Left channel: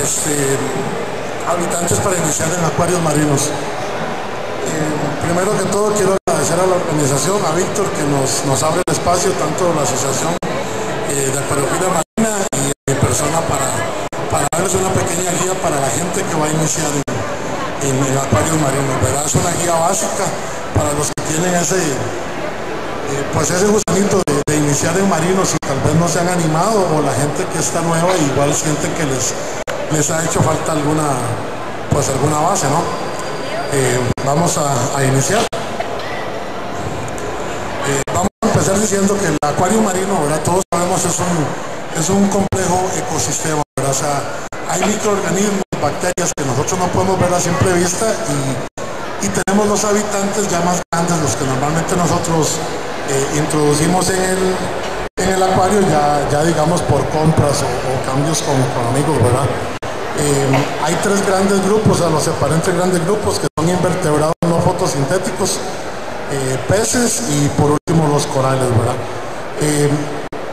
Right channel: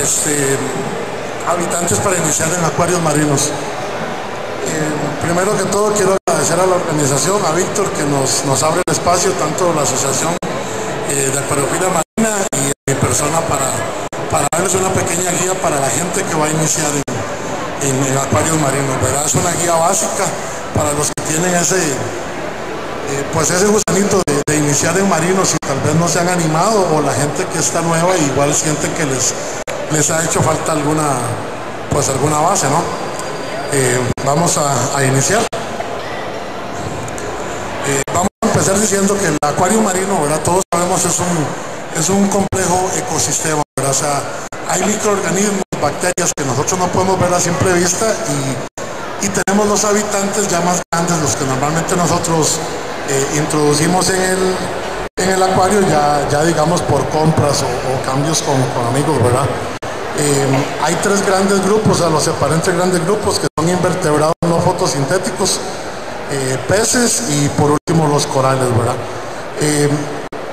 este, habitantes para iniciar en acuarios marinos. Primero que todo quiero agradecer a la organización, a Víctor, que nos abre el espacio, tanto la asociación de acuariofilia marina y a mi persona para darles una pequeña guía para la gente que va a iniciar en acuarios marinos, ¿verdad? Es una guía básica para los que tienen ese gusanito de iniciar en marinos y tal vez no se han animado, o la gente que está nueva y igual sienten que les ha hecho falta alguna base, ¿no? Vamos a iniciar. Vamos a empezar diciendo que el acuario marino, ¿verdad? Todos sabemos es un complejo ecosistema, ¿verdad? O sea, hay microorganismos, bacterias que nosotros no podemos ver a simple vista y tenemos los habitantes ya más grandes, los que normalmente nosotros introducimos en el acuario ya digamos por compras o cambios con amigos, ¿verdad? Hay tres grandes grupos, o sea, los separé en tres grandes grupos que son invertebrados no fotosintéticos, peces y por último los corales, ¿verdad?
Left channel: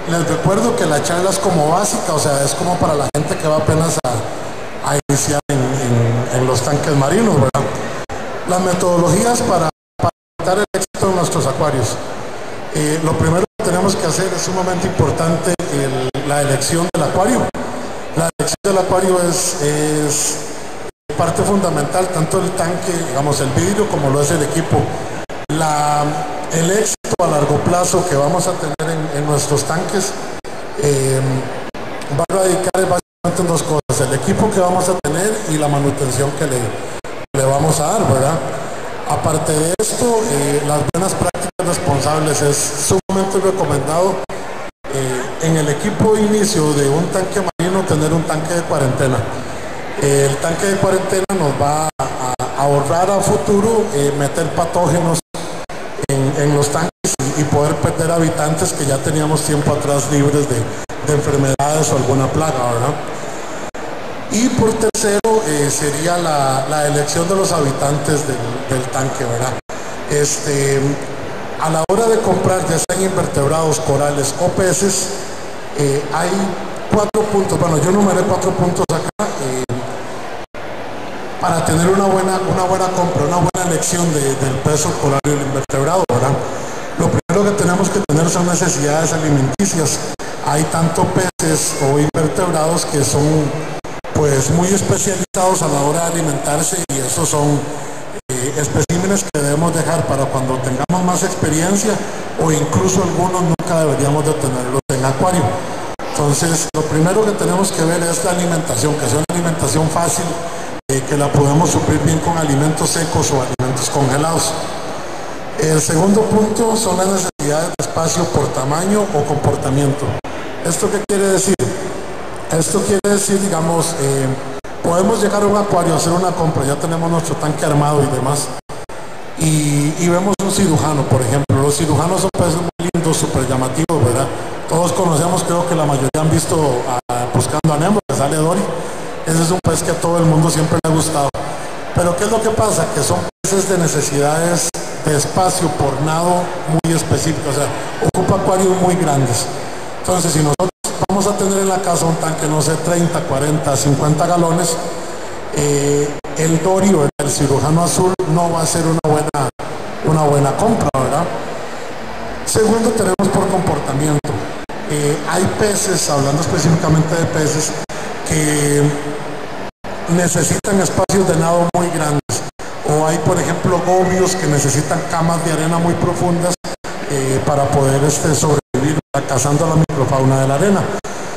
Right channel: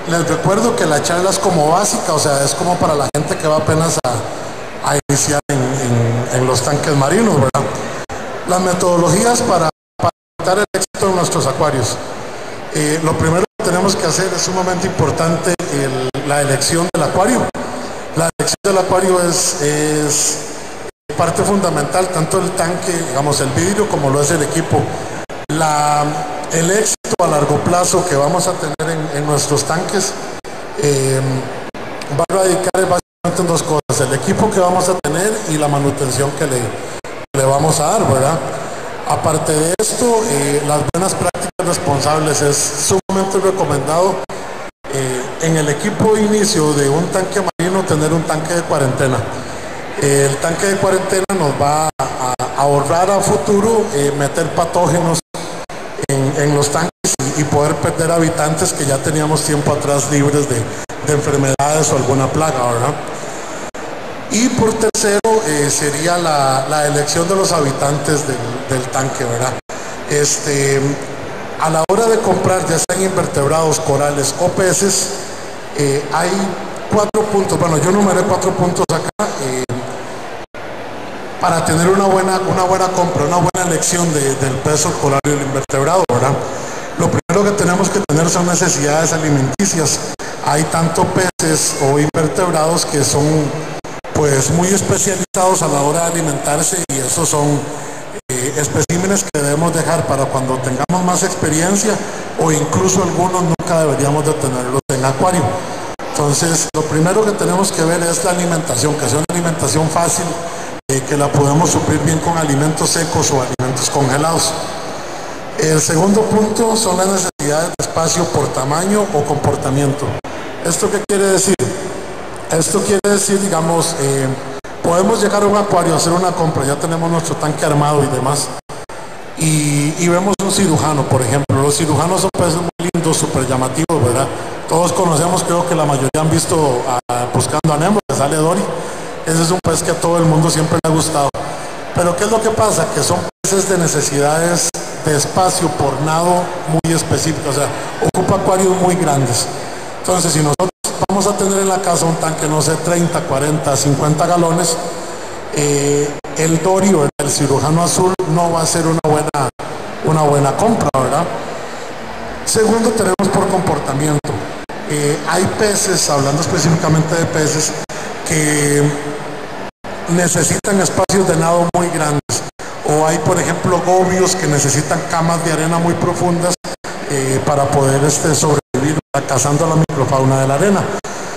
Les recuerdo que la charla es como básica, o sea, es como para la gente que va apenas a iniciar en los tanques marinos, ¿verdad? Las metodologías para dar el éxito en nuestros acuarios. Lo primero que tenemos que hacer es sumamente importante la elección del acuario. La elección del acuario es parte fundamental, tanto el tanque, digamos el vidrio, como lo es el equipo. El éxito a largo plazo que vamos a tener en nuestros tanques va a radicar básicamente en dos cosas: el equipo que vamos a tener y la manutención que le vamos a dar, ¿verdad? Aparte de esto, las buenas prácticas responsables es sumamente recomendado en el equipo de inicio de un tanque marino tener un tanque de cuarentena. El tanque de cuarentena nos va a ahorrar a futuro meter patógenos en los tanques y poder perder habitantes que ya teníamos tiempo atrás libres de enfermedades o alguna plaga, ¿verdad? Y por tercero sería la elección de los habitantes del tanque, ¿verdad? A la hora de comprar, ya sean invertebrados, corales o peces, hay 4 puntos, bueno, yo numeré 4 puntos acá para tener una buena compra, una buena elección del pez, el coral y el invertebrado, ¿verdad? Lo primero que tenemos que tener son necesidades alimenticias. Hay tanto peces o invertebrados que son pues muy especializados a la hora de alimentarse, y esos son especímenes que debemos dejar para cuando tengamos más experiencia, o incluso algunos nunca deberíamos de tenerlos en acuario. Entonces, lo primero que tenemos que ver es la alimentación, que sea una alimentación fácil, que la podemos suplir bien con alimentos secos o alimentos congelados. El segundo punto son las necesidades de espacio por tamaño o comportamiento. ¿Esto qué quiere decir? Esto quiere decir, digamos, podemos llegar a un acuario, hacer una compra, ya tenemos nuestro tanque armado y demás, y vemos un cirujano, por ejemplo. Los cirujanos son peces muy lindos, súper llamativos, ¿verdad? Todos conocemos, creo que la mayoría han visto Buscando a Nemo, que sale Dory. Ese es un pez que a todo el mundo siempre le ha gustado. Pero ¿qué es lo que pasa? Que son peces de necesidades de espacio por nado muy específicas, o sea, ocupa acuarios muy grandes. Entonces, si nosotros vamos a tener en la casa un tanque, no sé, 30, 40, 50 galones, el Dory o el cirujano azul no va a ser una buena compra, ¿verdad? Segundo, tenemos por comportamiento. Hay peces, hablando específicamente de peces, que necesitan espacios de nado muy grandes, o hay, por ejemplo, gobios que necesitan camas de arena muy profundas para poder sobrevivir cazando la microfauna de la arena.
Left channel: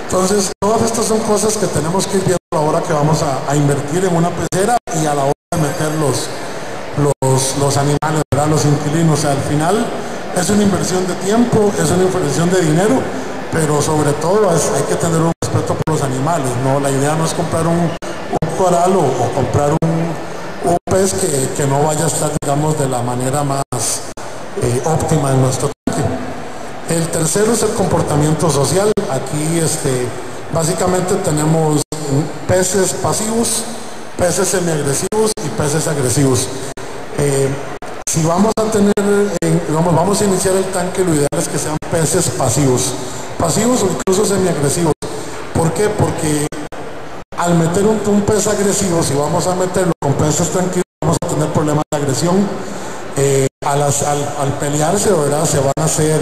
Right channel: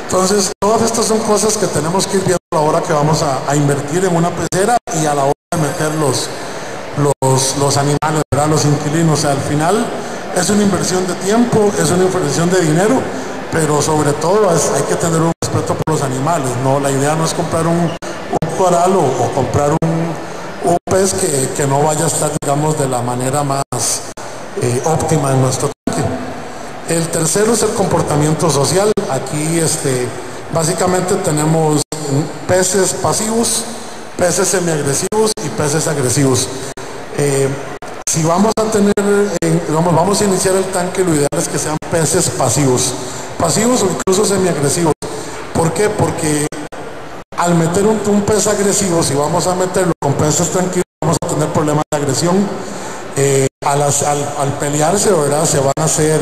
Entonces, todas estas son cosas que tenemos que ir viendo a la hora que vamos a invertir en una pecera y a la hora de meter los animales, ¿verdad? Los inquilinos. O sea, al final es una inversión de tiempo, es una inversión de dinero, pero sobre todo hay que tener un respeto por los animales, ¿no? La idea no es comprar un coral o comprar un pez que no vaya a estar, digamos, de la manera más óptima en nuestro tanque. El tercero es el comportamiento social. Aquí básicamente tenemos peces pasivos, peces semiagresivos y peces agresivos. Si vamos a iniciar el tanque, lo ideal es que sean peces pasivos o incluso semiagresivos. ¿Por qué? Porque Al meter un pez agresivo, si vamos a meterlo con peces tranquilos, vamos a tener problemas de agresión. Al pelearse, ¿verdad? Se van a hacer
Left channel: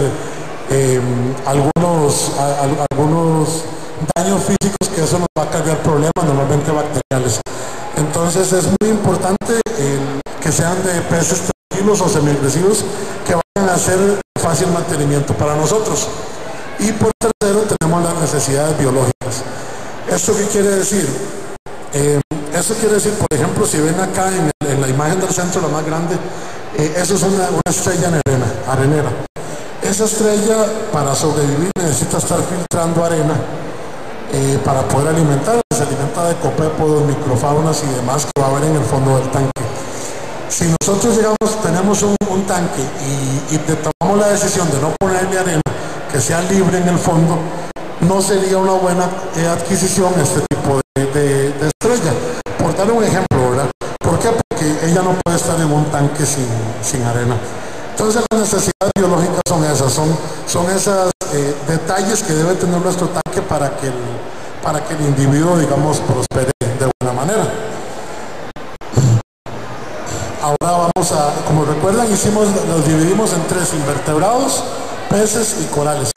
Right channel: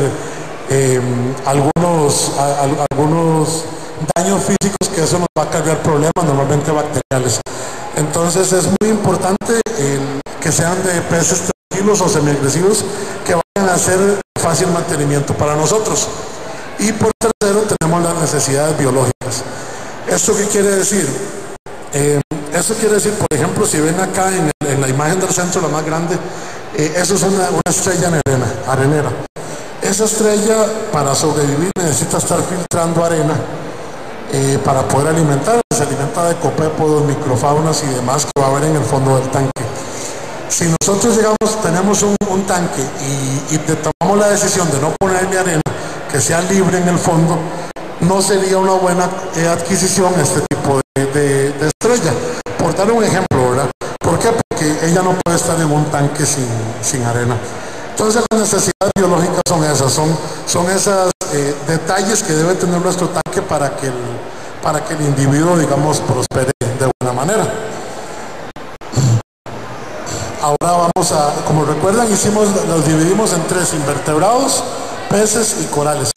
algunos daños físicos, que eso nos va a cargar problemas, normalmente bacteriales. Entonces es muy importante que sean de peces tranquilos o semiagresivos, que vayan a hacer fácil mantenimiento para nosotros. Y por tercero tenemos las necesidades biológicas. ¿Esto qué quiere decir? Eso quiere decir, por ejemplo, si ven acá en la imagen del centro, la más grande, eso es una estrella arenera. Esa estrella, para sobrevivir, necesita estar filtrando arena para poder alimentar. Se alimenta de copépodos, microfaunas y demás que va a haber en el fondo del tanque. Si nosotros tenemos un tanque y tomamos la decisión de no ponerle arena, que sea libre en el fondo, no sería una buena adquisición este tipo de estrella. Por dar un ejemplo, ¿verdad? ¿Por qué? Porque ella no puede estar en un tanque sin arena. Entonces las necesidades biológicas son esas, son esos detalles que debe tener nuestro tanque para que el individuo, digamos, prospere de buena manera. Ahora vamos como recuerdan, los dividimos en tres: invertebrados, peces y corales.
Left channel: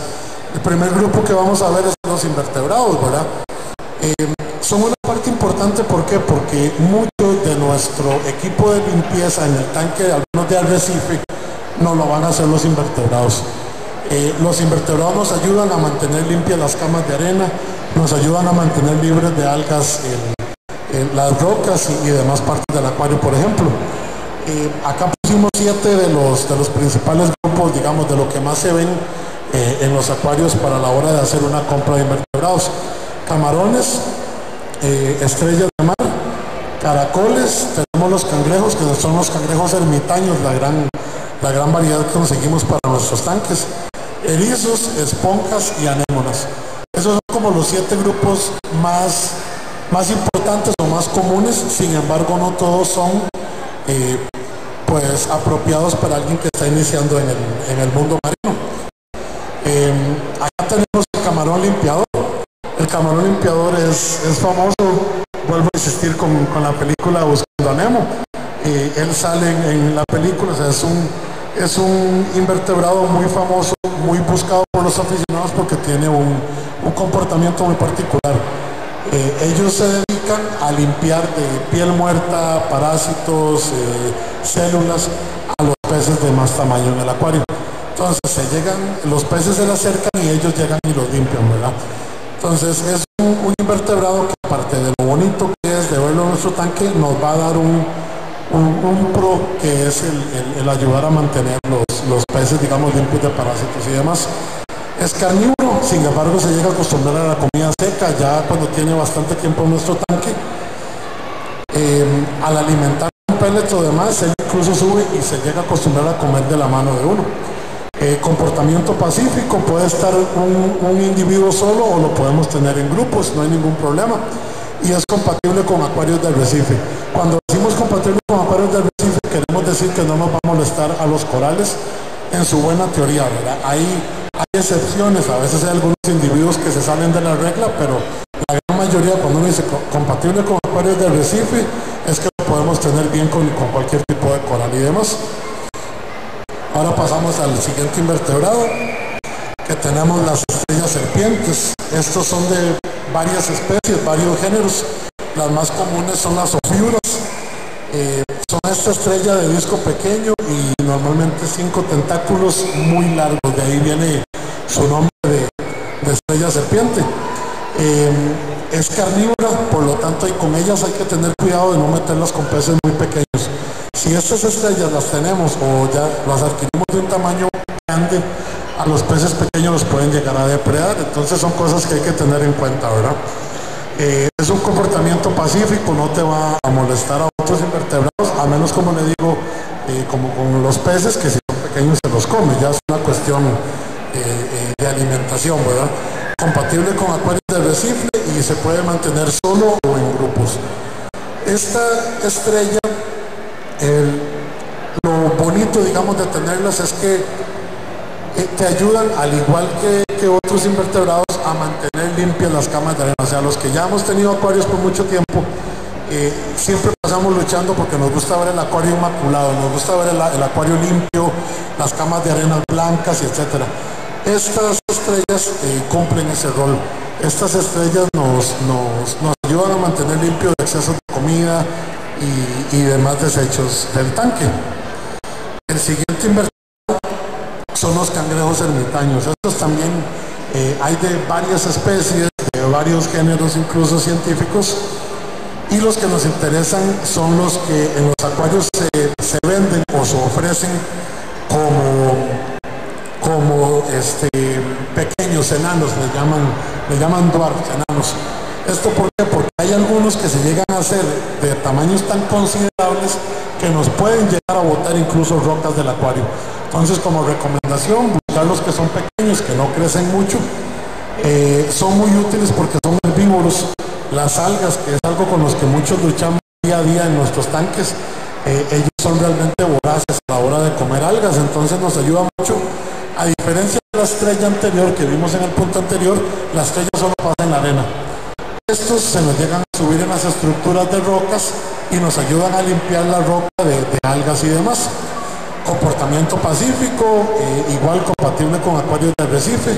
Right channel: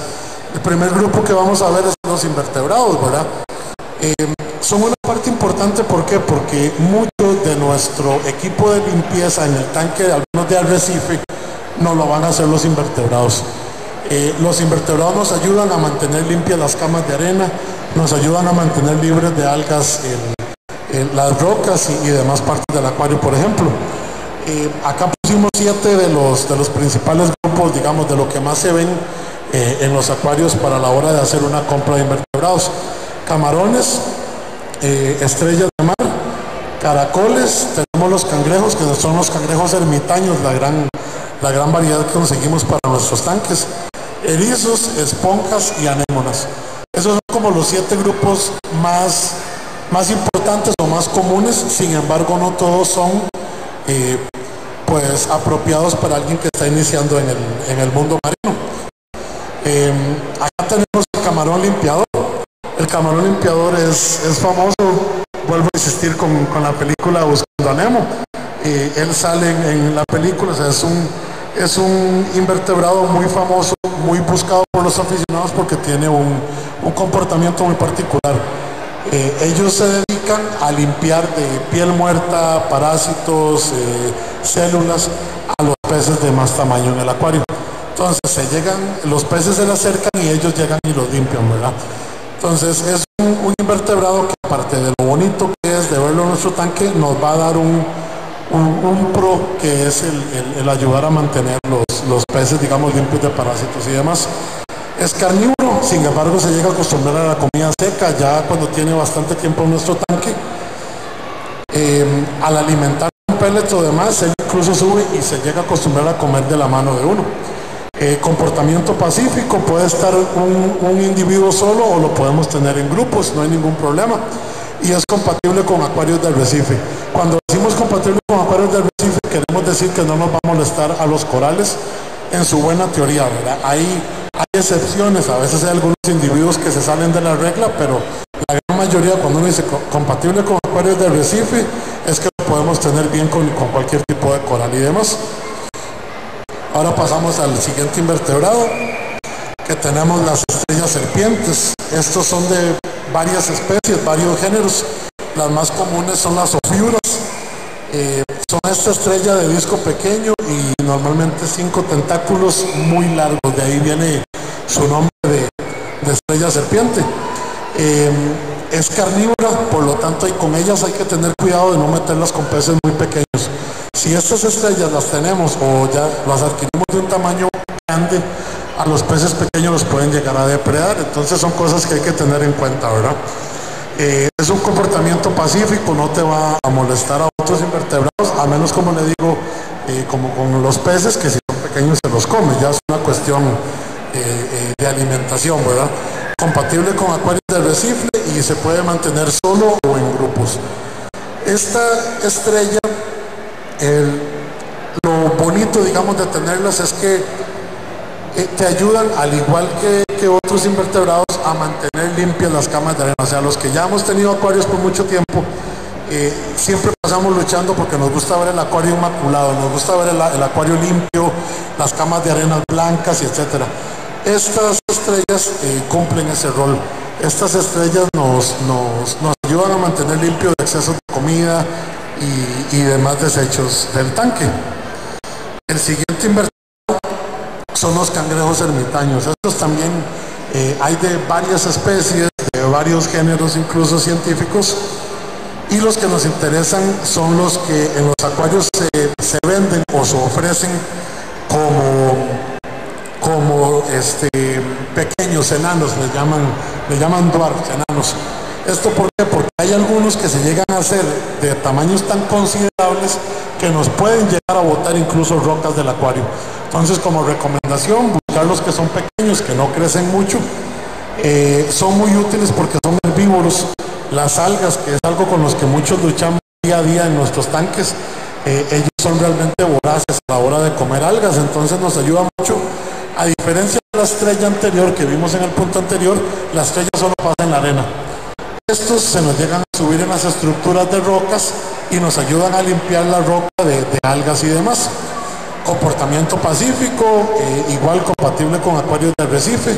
El primer grupo que vamos a ver es los invertebrados, ¿verdad? Son una parte importante, ¿por qué? Porque mucho de nuestro equipo de limpieza en el tanque, algunos de arrecife, nos lo van a hacer los invertebrados. Los invertebrados nos ayudan a mantener limpias las camas de arena, nos ayudan a mantener libres de algas las rocas y demás partes del acuario, por ejemplo. Acá pusimos 7 de los principales grupos, digamos, de lo que más se ven en los acuarios para la hora de hacer una compra de invertebrados: camarones, estrellas de mar, caracoles, tenemos los cangrejos, que son los cangrejos ermitaños, la gran variedad que conseguimos para nuestros tanques, erizos, esponjas y anémonas. Esos son como los 7 grupos más importantes o más comunes. Sin embargo, no todos son pues apropiados para alguien que está iniciando en el mundo marino. Acá tenemos el camarón limpiador. El camarón limpiador es famoso, vuelvo a insistir con la película Buscando a Nemo. Él sale en la película, o sea, es un invertebrado muy famoso, muy buscado por los aficionados porque tiene un comportamiento muy particular. Ellos se dedican a limpiar de piel muerta, parásitos, células a los peces de más tamaño en el acuario. Entonces los peces se le acercan y ellos llegan y los limpian, ¿verdad? Entonces es un invertebrado que, aparte de lo bonito que es de verlo en nuestro tanque, nos va a dar un pro, que es el ayudar a mantener los peces, digamos, limpios de parásitos y demás. Es carnívoro, sin embargo se llega a acostumbrar a la comida seca ya cuando tiene bastante tiempo en nuestro tanque. Al alimentar un pellet o demás, él incluso sube y se llega a acostumbrar a comer de la mano de uno. Comportamiento pacífico, puede estar un individuo solo o lo podemos tener en grupos, no hay ningún problema. Y es compatible con acuarios de arrecife. Cuando decimos compatible con acuarios de arrecife, queremos decir que no nos va a molestar a los corales en su buena teoría, ¿verdad? Hay excepciones, a veces hay algunos individuos que se salen de la regla, pero la gran mayoría, cuando uno dice compatible con acuarios de arrecife, es que lo podemos tener bien con cualquier tipo de coral y demás. Ahora pasamos al siguiente invertebrado, que tenemos las estrellas serpientes. Estos son de varias especies, varios géneros. Las más comunes son las ofiuras. Son esta estrella de disco pequeño y normalmente 5 tentáculos muy largos. De ahí viene su nombre de estrella serpiente. Es carnívora, por lo tanto, y con ellas hay que tener cuidado de no meterlas con peces muy pequeños. Si estas estrellas las tenemos o ya las adquirimos de un tamaño grande, a los peces pequeños los pueden llegar a depredar. Entonces son cosas que hay que tener en cuenta, ¿verdad? Es un comportamiento pacífico, no te va a molestar a otros invertebrados, a menos, como le digo, como con los peces, que si son pequeños se los come. Ya es una cuestión de alimentación, ¿verdad? Compatible con acuarios de arrecife y se puede mantener solo o en grupos. Esta estrella, lo bonito, digamos, de tenerlas es que te ayudan, al igual que otros invertebrados, a mantener limpias las camas de arena. O sea, los que ya hemos tenido acuarios por mucho tiempo, siempre pasamos luchando porque nos gusta ver el acuario inmaculado, nos gusta ver el acuario limpio, las camas de arena blancas y etcétera. Estas estrellas cumplen ese rol. Estas estrellas nos ayudan a mantener limpio de excesos de comida y demás desechos del tanque. El siguiente invertebrado son los cangrejos ermitaños. Estos también hay de varias especies, de varios géneros incluso científicos, y los que nos interesan son los que en los acuarios se venden o se ofrecen como pequeños enanos, le llaman dwarf, enanos. ¿Esto por qué? Porque hay algunos que se llegan a ser de tamaños tan considerables que nos pueden llegar a botar incluso rocas del acuario. Entonces, como recomendación, buscar los que son pequeños, que no crecen mucho. Son muy útiles porque son herbívoros. Las algas, que es algo con los que muchos luchamos día a día en nuestros tanques, ellos son realmente voraces a la hora de comer algas, entonces nos ayuda mucho. A diferencia de la estrella anterior que vimos en el punto anterior, la estrella solo pasa en la arena. Estos se nos llegan a subir en las estructuras de rocas y nos ayudan a limpiar la roca de algas y demás. Comportamiento pacífico, igual compatible con acuarios de arrecife,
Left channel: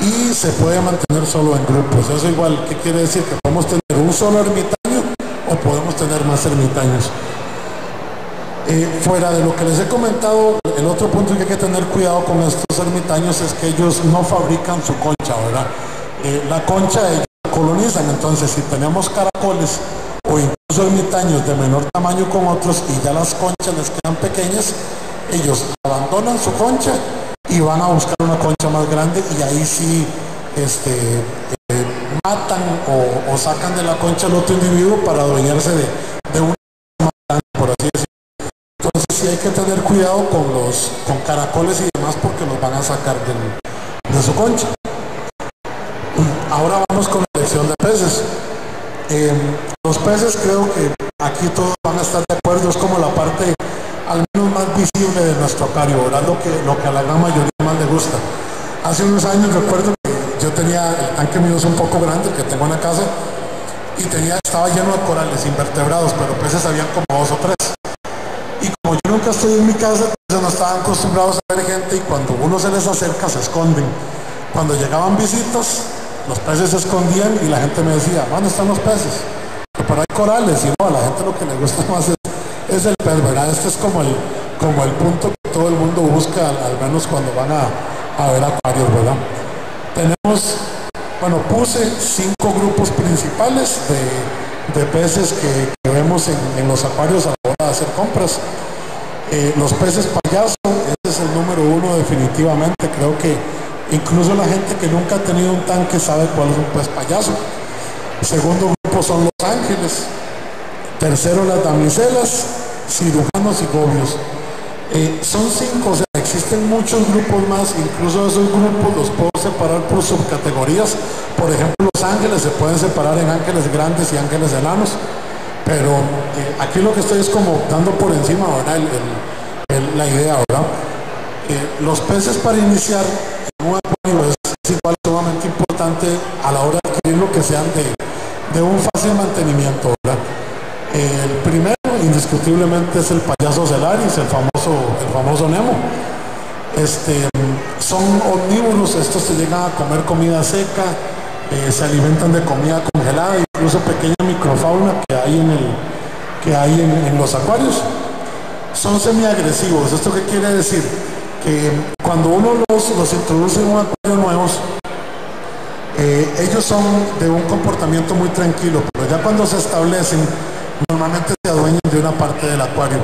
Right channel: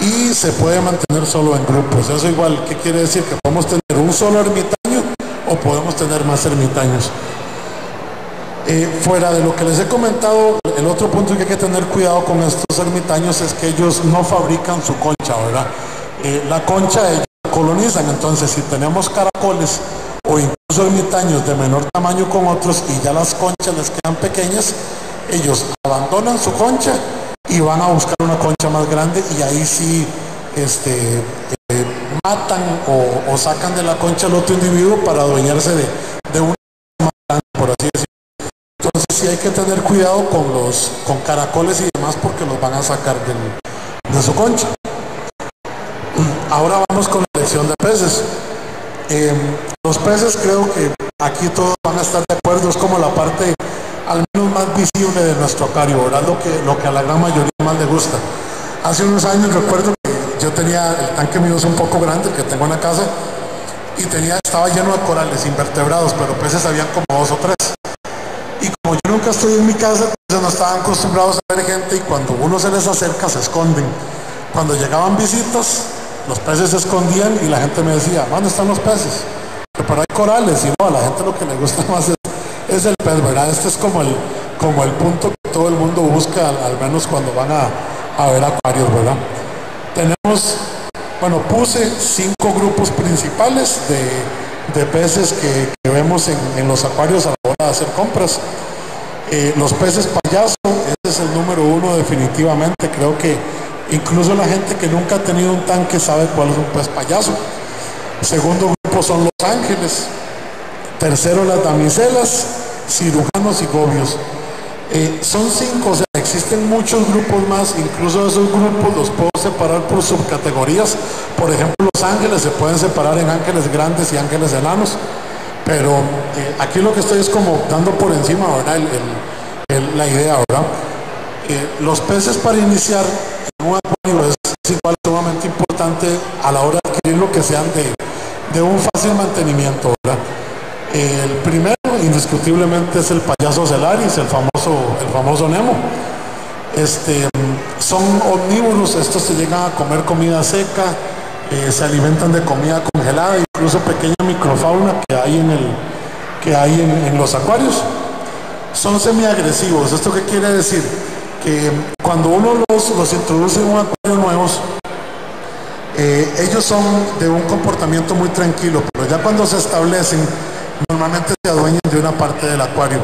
y se puede mantener solo en grupos. Eso igual, ¿qué quiere decir? Que podemos tener un solo ermitaño o podemos tener más ermitaños. Fuera de lo que les he comentado, el otro punto que hay que tener cuidado con estos ermitaños es que ellos no fabrican su concha, ¿verdad? La concha ellos la colonizan, entonces si tenemos caracoles o incluso ermitaños de menor tamaño con otros y ya las conchas les quedan pequeñas, ellos abandonan su concha y van a buscar una concha más grande, y ahí sí matan o sacan de la concha al otro individuo para adueñarse de una más grande, por así decirlo. Entonces sí hay que tener cuidado con caracoles y demás, porque los van a sacar de su concha. Ahora vamos con la elección de peces. Los peces, creo que aquí todos van a estar de acuerdo, es como la parte al menos más visible de nuestro acuario, ¿verdad? Lo que a la gran mayoría más le gusta. Hace unos años recuerdo que yo tenía el tanque mío, es un poco grande, que tengo en la casa, y estaba lleno de corales, invertebrados, pero peces habían como 2 o 3. Y como yo nunca estoy en mi casa, entonces no estaban acostumbrados a ver gente, y cuando uno se les acerca se esconden. Cuando llegaban visitas, los peces se escondían y la gente me decía, ¿dónde están los peces? Pero hay corales, y no, a la gente lo que le gusta más es el pez, ¿verdad? Este es como el punto que todo el mundo busca, al menos cuando van a ver acuarios, ¿verdad? Tenemos, puse 5 grupos principales de peces que vemos en los acuarios a la hora de hacer compras. Los peces payaso, ese es el número 1 definitivamente. Creo que incluso la gente que nunca ha tenido un tanque sabe cuál es un pez payaso. Segundo grupo son los ángeles. Tercero, las damiselas, cirujanos y gobios. Son 5, o sea, existen muchos grupos más. Incluso esos grupos los puedo separar por subcategorías. Por ejemplo, los ángeles se pueden separar en ángeles grandes y ángeles enanos, pero aquí lo que estoy es como dando por encima, ¿verdad? La idea, ¿verdad? Los peces para iniciar en un acuario es igual sumamente importante a la hora de adquirir lo que sean de un fácil mantenimiento, ¿verdad? El primero, indiscutiblemente, es el payaso Celaris, el famoso Nemo. Son omnívoros, estos se llegan a comer comida seca, se alimentan de comida congelada, incluso pequeña microfauna que hay en los acuarios. Son semiagresivos. ¿Esto qué quiere decir? Que cuando uno los introduce en un acuario nuevos, ellos son de un comportamiento muy tranquilo, pero ya cuando se establecen, normalmente se adueñan de una parte del acuario.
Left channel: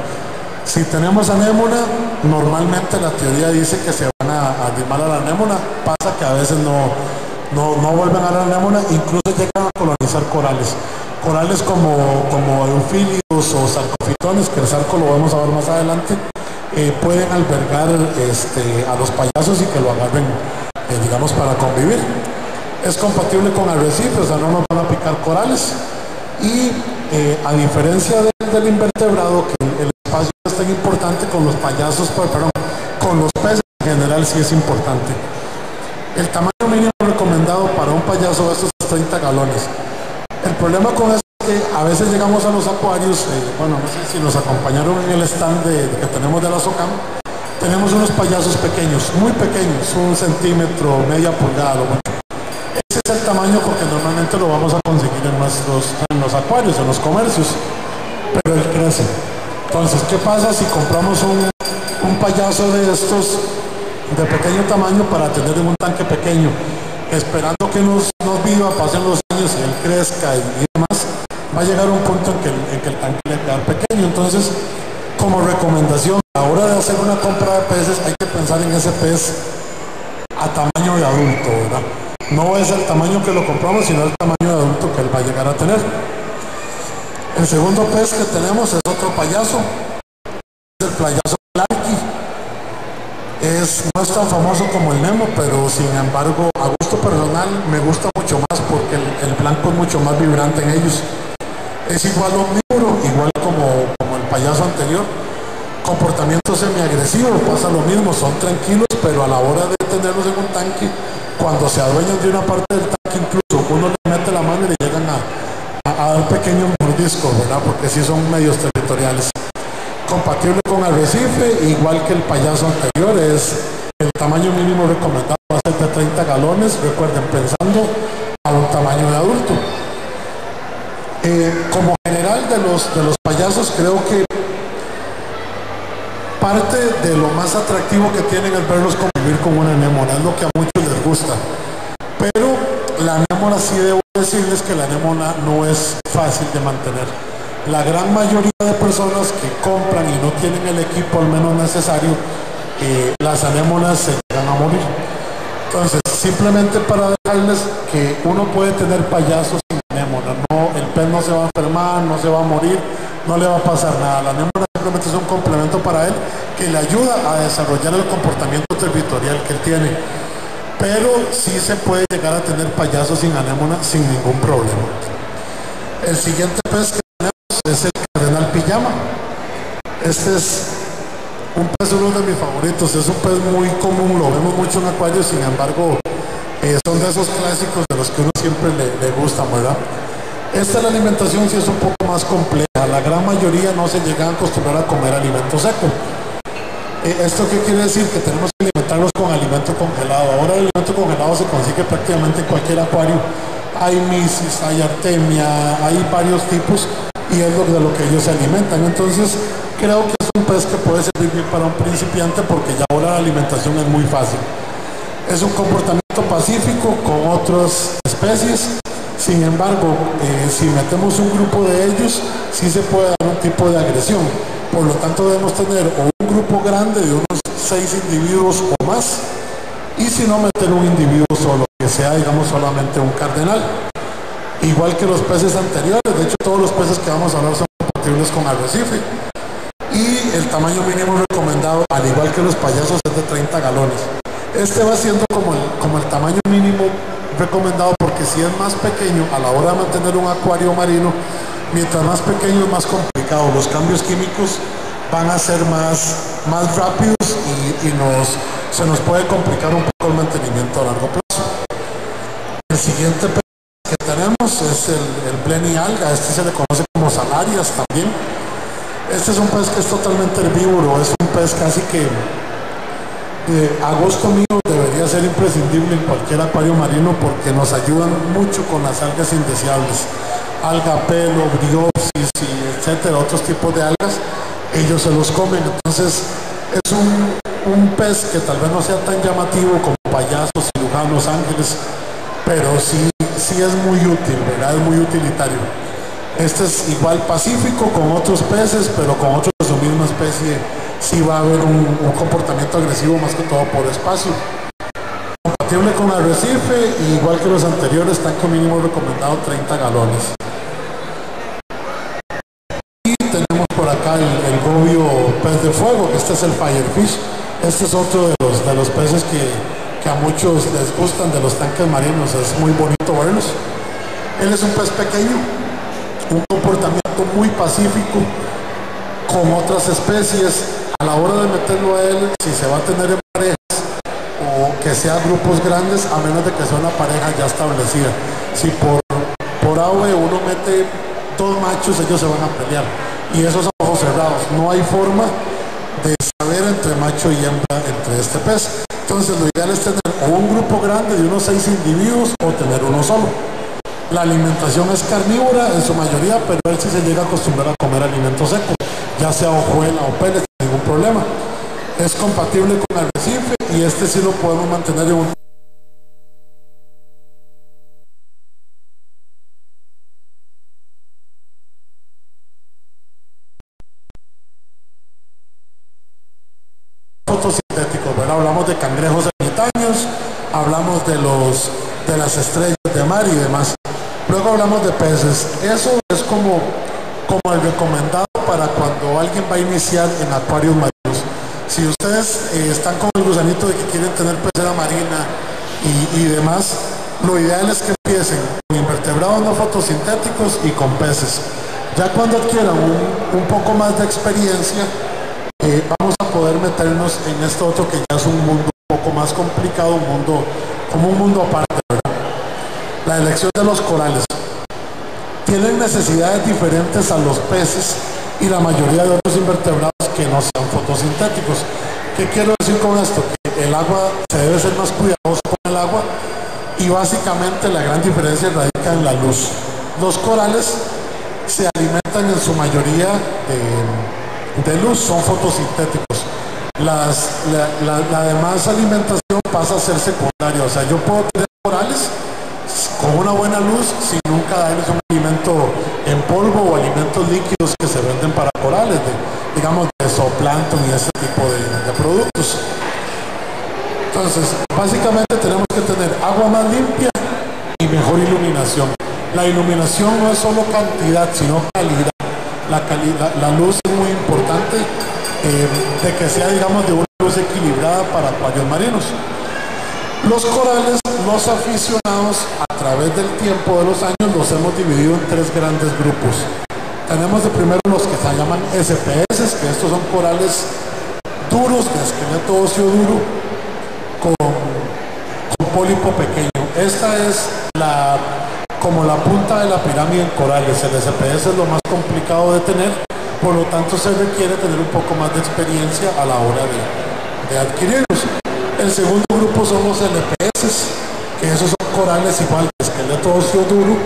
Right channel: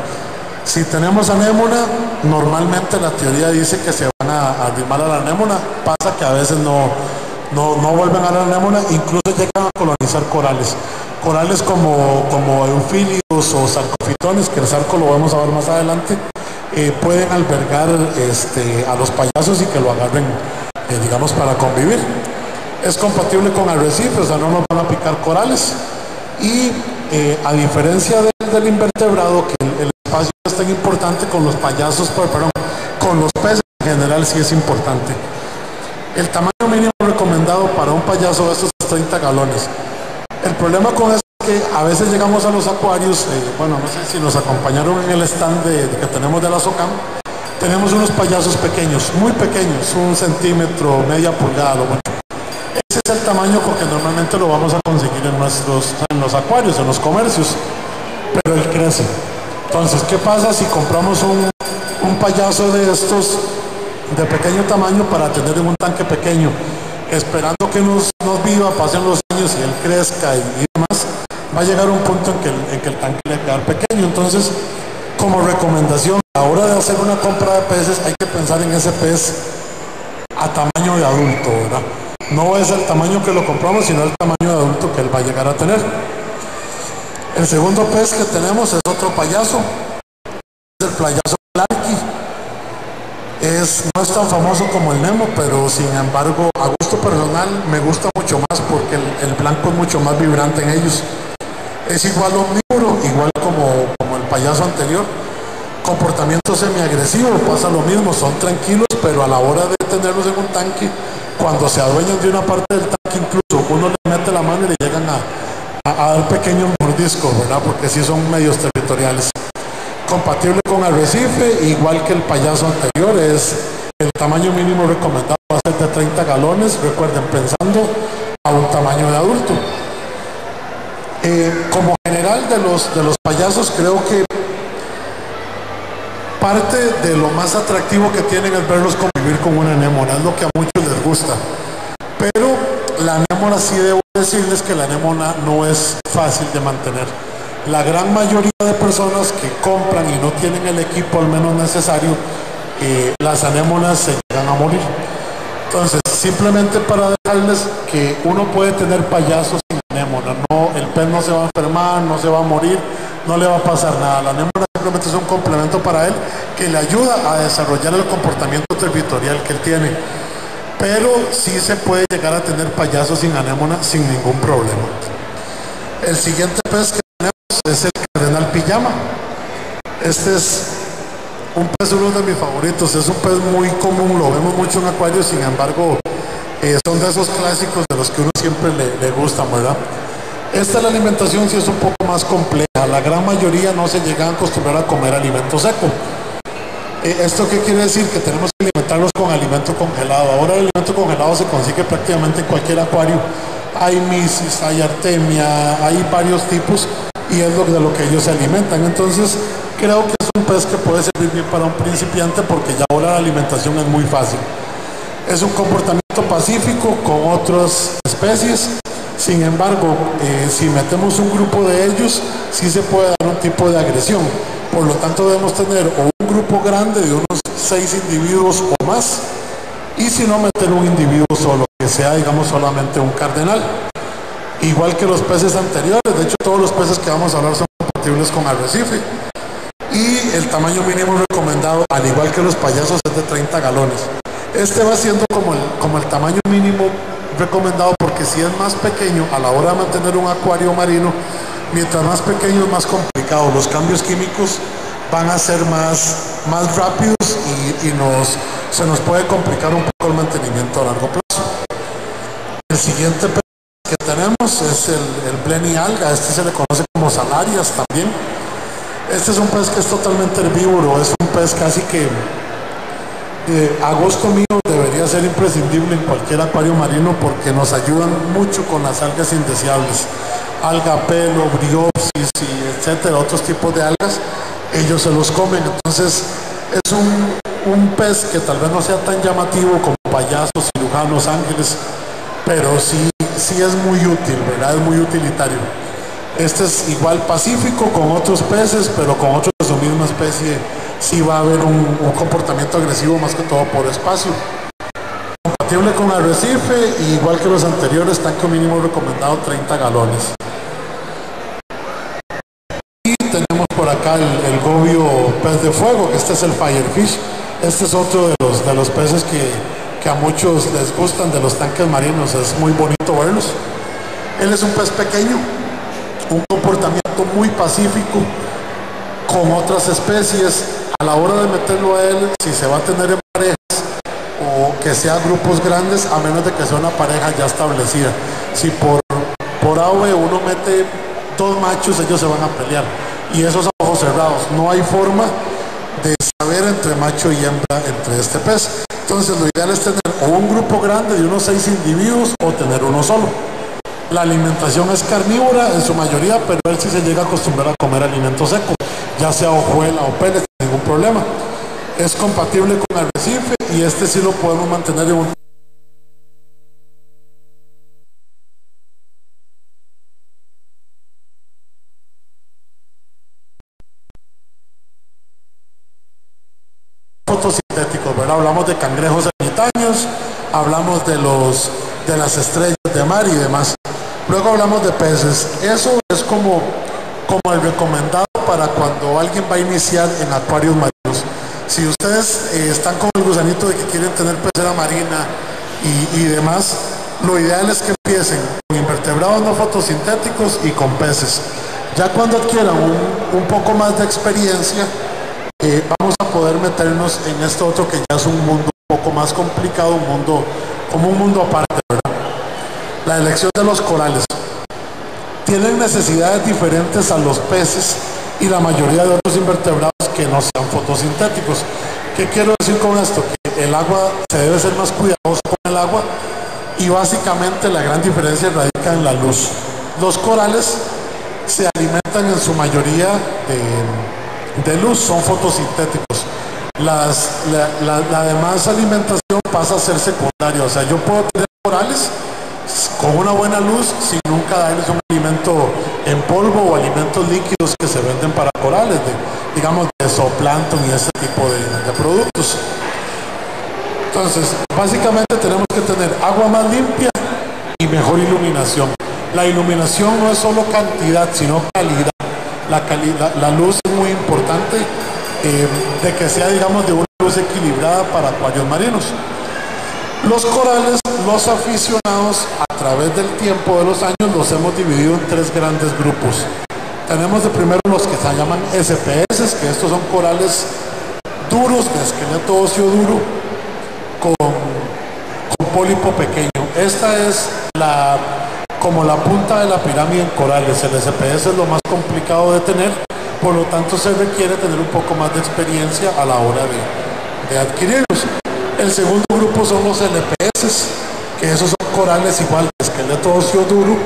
Si tenemos anémona, normalmente la teoría dice que se van a arrimar a la anémona. Pasa que a veces no vuelven a la anémona, incluso llegan a colonizar corales. Corales como eufilios o sarcofitones, que el sarco lo vamos a ver más adelante, pueden albergar a los payasos y que lo agarren, digamos, para convivir. Es compatible con arrecifes, o sea, no nos van a picar corales. Y a diferencia del invertebrado, que el espacio es tan importante, con los payasos, con los peces en general sí es importante. El tamaño mínimo recomendado para un payaso de estos es 30 galones. El problema con eso es que a veces llegamos a los acuarios, bueno, no sé si nos acompañaron en el stand que tenemos de la SOCAM, tenemos unos payasos pequeños, muy pequeños, 1 centímetro, media pulgada, lo mucho. Ese es el tamaño porque normalmente lo vamos a conseguir en los acuarios, en los comercios, pero él crece. Entonces, ¿qué pasa si compramos un payaso de estos de pequeño tamaño para tener en un tanque pequeño, esperando que nos viva, pasen los años y él crezca y demás? Va a llegar un punto en que el tanque le va a quedar pequeño. Entonces, como recomendación, a la hora de hacer una compra de peces hay que pensar en ese pez a tamaño de adulto, ¿verdad? No es el tamaño que lo compramos, sino el tamaño de adulto que él va a llegar a tener. El segundo pez que tenemos es otro payaso, es el payaso Clarky. No es tan famoso como el Nemo, pero sin embargo, a gusto personal, me gusta mucho más porque el blanco es mucho más vibrante en ellos. Es igual omnívoro, igual como el payaso anterior. Comportamiento semiagresivo, pasa lo mismo, son tranquilos, pero a la hora de tenerlos en un tanque, cuando se adueñan de una parte del tanque, incluso uno le mete la mano y le llegan a dar pequeños mordiscos, ¿verdad? Porque sí son medios territoriales. Compatible con arrecife, igual que el payaso anterior, el tamaño mínimo recomendado va a ser de 30 galones, recuerden, pensando a un tamaño de adulto. Como general de los payasos, creo que parte de lo más atractivo que tienen es verlos convivir con una anémona, es lo que a muchos les gusta. Pero la anémona, sí debo decirles que la anémona no es fácil de mantener. La gran mayoría de personas que compran y no tienen el equipo al menos necesario, las anémonas se llegan a morir. Entonces, simplemente para dejarles que uno puede tener payasos sin anémona, no, el pez no se va a enfermar, no se va a morir, no le va a pasar nada. La anémona simplemente es un complemento para él que le ayuda a desarrollar el comportamiento territorial que él tiene. Pero sí se puede llegar a tener payasos sin anémona sin ningún problema. El siguiente pez que tenemos es el cardenal pijama. Este es un pez, uno de mis favoritos. Es un pez muy común, lo vemos mucho en acuarios, sin embargo, son de esos clásicos de los que uno siempre le gustan, ¿verdad? La alimentación sí es un poco más compleja. La gran mayoría no se llegan a acostumbrar a comer alimento seco. ¿Esto qué quiere decir? Que tenemos que alimentarlos con alimento congelado. Ahora el alimento congelado se consigue prácticamente en cualquier acuario. Hay misis, hay artemia, hay varios tipos y es de lo que ellos se alimentan. Entonces creo que es un pez que puede servir bien para un principiante porque ya ahora la alimentación es muy fácil. Es un comportamiento pacífico con otras especies. Sin embargo, si metemos un grupo de ellos, sí se puede dar un tipo de agresión. Por lo tanto, debemos tener o un grupo grande de unos 6 individuos o más, y si no, meter un individuo solo, que sea, digamos, solamente un cardenal. Igual que los peces anteriores, de hecho, todos los peces que vamos a hablar son compatibles con arrecife. Y el tamaño mínimo recomendado, al igual que los payasos, es de 30 galones. Este va siendo como el tamaño mínimo recomendado, porque si es más pequeño a la hora de mantener un acuario marino, mientras más pequeño es más complicado, los cambios químicos van a ser más rápidos y se nos puede complicar un poco el mantenimiento a largo plazo. El siguiente pez que tenemos es el Blenny alga. Este se le conoce como salarias también. Este es un pez que es totalmente herbívoro, es un pez casi que a gusto mío debería ser imprescindible en cualquier acuario marino porque nos ayudan mucho con las algas indeseables, alga pelo, briopsis y etcétera, otros tipos de algas, ellos se los comen. Entonces es un pez que tal vez no sea tan llamativo como payasos, cirujanos, ángeles, pero sí es muy útil, ¿verdad? Es muy utilitario. Este es igual pacífico con otros peces, pero con otros de su misma especie sí va a haber un comportamiento agresivo, más que todo por espacio. Compatible con arrecife, igual que los anteriores, tanque mínimo recomendado 30 galones. Y tenemos por acá el gobio pez de fuego, que este es el firefish. Este es otro de los peces que a muchos les gustan de los tanques marinos, es muy bonito verlos. Él es un pez pequeño, un comportamiento muy pacífico con otras especies. A la hora de meterlo a él, si se va a tener en parejas o que sea grupos grandes, a menos de que sea una pareja ya establecida. Si por A o B uno mete dos machos, ellos se van a pelear, y esos ojos cerrados, no hay forma de saber entre macho y hembra entre este pez. Entonces lo ideal es tener o un grupo grande de unos 6 individuos o tener uno solo. La alimentación es carnívora en su mayoría, pero él sí se llega a acostumbrar a comer alimento seco, ya sea hojuela o pellets, sin ningún problema. Es compatible con el arrecife y este sí lo podemos mantener en un fotosintéticos, ¿verdad? Hablamos de cangrejos ermitaños, hablamos de las estrellas de mar y demás. Luego hablamos de peces. Eso es como el recomendado para cuando alguien va a iniciar en acuarios marinos. Si ustedes están con el gusanito de que quieren tener pecera marina y demás, lo ideal es que empiecen con invertebrados no fotosintéticos y con peces. Ya cuando adquieran un poco más de experiencia, vamos a poder meternos en esto otro que ya es un mundo un poco más complicado, como un mundo aparte, ¿verdad? La elección de los corales. Tienen necesidades diferentes a los peces y la mayoría de otros invertebrados que no sean fotosintéticos. ¿Qué quiero decir con esto? Que el agua, se debe ser más cuidadoso con el agua, y básicamente la gran diferencia radica en la luz. Los corales se alimentan en su mayoría de luz, son fotosintéticos. La demás alimentación pasa a ser secundaria, o sea, yo puedo tener corales con una buena luz sin nunca darles un alimento en polvo o alimentos líquidos que se venden para corales, digamos de zooplancton y ese tipo de productos. Entonces, básicamente tenemos que tener agua más limpia y mejor iluminación. La iluminación no es solo cantidad, sino calidad. La luz es muy importante, de que sea, digamos, de una luz equilibrada para acuarios marinos. Los corales, los aficionados, a través del tiempo de los años, los hemos dividido en 3 grandes grupos. Tenemos de primero los que se llaman SPS, que estos son corales duros, de esqueleto óseo duro, con pólipo pequeño. Esta es como la punta de la pirámide en corales. El SPS es lo más complicado de tener, por lo tanto se requiere tener un poco más de experiencia a la hora de adquirirlos. El segundo grupo son los LPS, que esos son corales igual de esqueleto óseo duro,